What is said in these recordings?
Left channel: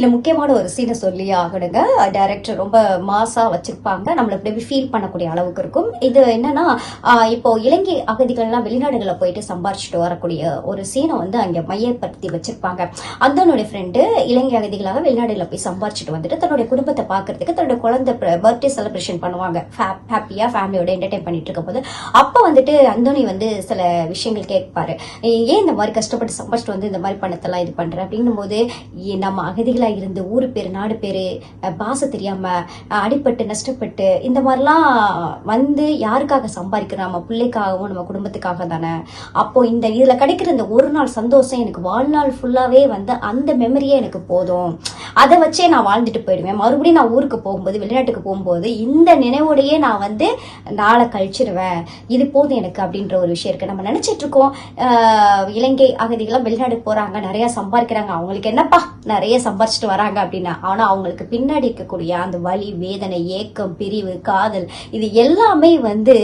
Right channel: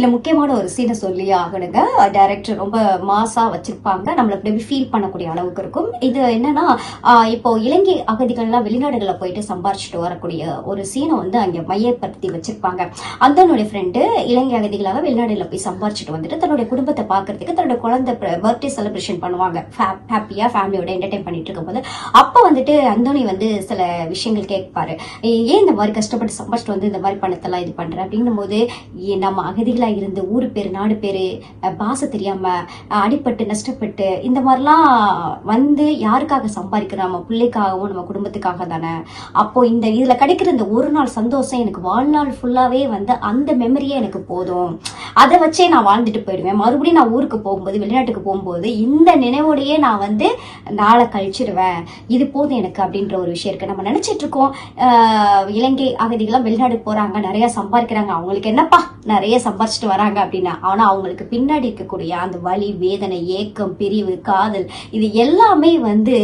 இந்த முக்கியமான ஒரு சீனை சொல்லி ஆகணுங்க. டைரக்டர் ரொம்ப மாசா வச்சிருப்பாங்க, நம்மளுக்கு எப்படி ஃபீல் பண்ணக்கூடிய அளவுக்கு இருக்கும். இது என்னன்னா, இப்போ இலங்கை அகதிகள்லாம் வெளிநாடுகளை போயிட்டு சம்பாரிச்சுட்டு வரக்கூடிய ஒரு சீனை வந்து அங்க மையப்படுத்தி வச்சிருப்பாங்க. அந்தனுடைய ஃப்ரெண்டு இலங்கை அகதிகளாக வெளிநாடுல போய் சம்பாரிச்சுட்டு வந்துட்டு தன்னுடைய குடும்பத்தை பாக்குறதுக்கு தன்னுடைய குழந்தை பர்த்டே செலிப்ரேஷன் பண்ணுவாங்க. ஹாப்பியா ஃபேமிலியோட என்டர்டைன் பண்ணிட்டு இருக்கும் போது அப்ப வந்துட்டு அந்தோனி வந்து சில விஷயங்கள் கேட்பாரு. ஏன் இந்த மாதிரி கஷ்டப்பட்டு சம்பாரிச்சுட்டு வந்து இந்த மாதிரி பணத்தெல்லாம் இது பண்ற அப்படின்னும் போது, நம்ம அகதிகளா இருந்து ஊரு பேரு நாடு பேரு பாச தெரியாம அடிப்பட்டு நஷ்டப்பட்டு இந்த மாதிரிலாம் வந்து யாருக்காக சம்பாதிக்கிறோம்? நம்ம பிள்ளைக்காகவும் நம்ம குடும்பத்துக்காக தானே. அப்போ இந்த இதுல கிடைக்கிற இந்த ஒரு நாள் சந்தோஷம் எனக்கு வாழ்நாள் ஃபுல்லாவே வந்து அந்த மெமரியே எனக்கு போதும், அதை வச்சே நான் வாழ்ந்துட்டு போயிடுவேன். மறுபடியும் நான் ஊருக்கு போகும்போது வெளிநாட்டுக்கு போகும்போது இந்த நினைவோடையே நான் வந்து நாளை கழிச்சிடுவேன், இது போதும் எனக்கு அப்படின்ற ஒரு விஷயம் இருக்கு. நம்ம நினைச்சிட்டு இருக்கோம் இலங்கை அகதிகளாம் வெளிநாடு போறாங்க, நிறைய சம்பாதிக்கிறாங்க, அவங்களுக்கு என்னப்பா நிறைய சம்பாதிச்சுட்டு வராங்க அப்படின்னா, ஆனா அவங்களுக்கு பின்னாடி இருக்கக்கூடிய அந்த வலி, வேதனை, ஏக்கம், பிரிவு, காதல், இது எல்லாமே வந்து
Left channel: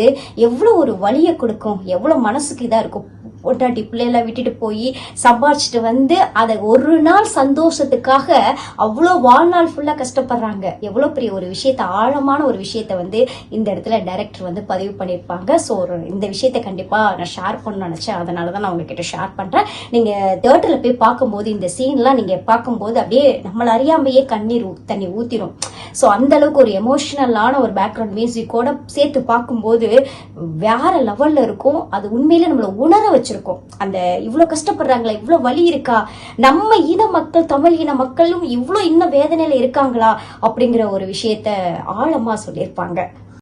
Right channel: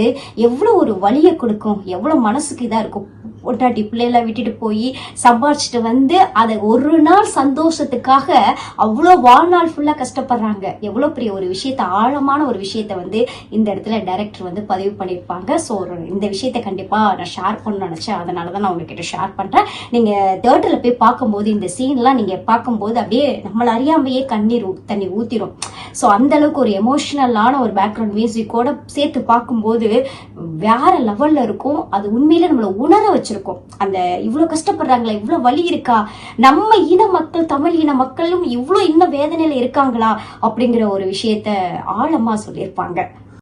எவ்வளவு ஒரு வலியை கொடுக்கும், எவ்வளவு மனசுக்கு இதா இருக்கும். பொட்டாட்டி பிள்ளைல விட்டுட்டு போய் சம்பாதிச்சுட்டு வந்து அதை ஒரு நாள் சந்தோஷத்துக்காக அவ்வளவு வாழ்நாள் ஃபுல்லா கஷ்டப்படுறாங்க. எவ்வளவு பெரிய ஒரு விஷயத்த, ஆழமான ஒரு விஷயத்த வந்து இந்த இடத்துல டைரக்டர் வந்து பதிவு பண்ணிருப்பாங்க. சோ இந்த விஷயத்த கண்டிப்பா நான் ஷேர் பண்ண நினைச்சேன், அதனாலதான் நான் உங்ககிட்ட ஷேர் பண்றேன். நீங்க தியேட்டர்ல போய் பார்க்கும்போது இந்த சீன்லாம் நீங்க பார்க்கும்போது அப்படியே நம்மள அறியாமையே தண்ணி ஊத்திரும். சோ அந்த அளவுக்கு ஒரு எமோஷனலான ஒரு பேக்ரவுண்ட் மியூசிக்கோட சேர்த்து பார்க்கும்போது வேற லெவல்ல இருக்கும். அது உண்மையில நம்மள உணர வச்சிருக்கும். அந்த இவ்வளவு கஷ்டப்படுறாங்களா, இவ்வளவு வலி இருக்கா, நம்ம இன மக்கள், தமிழ் இன மக்களும் இவ்வளவு இன்னும் வேதனையில இருக்காங்களா அப்படிங்கிற ஒரு விஷயத்த ஆழமா சொல்லியிருப்பாங்க.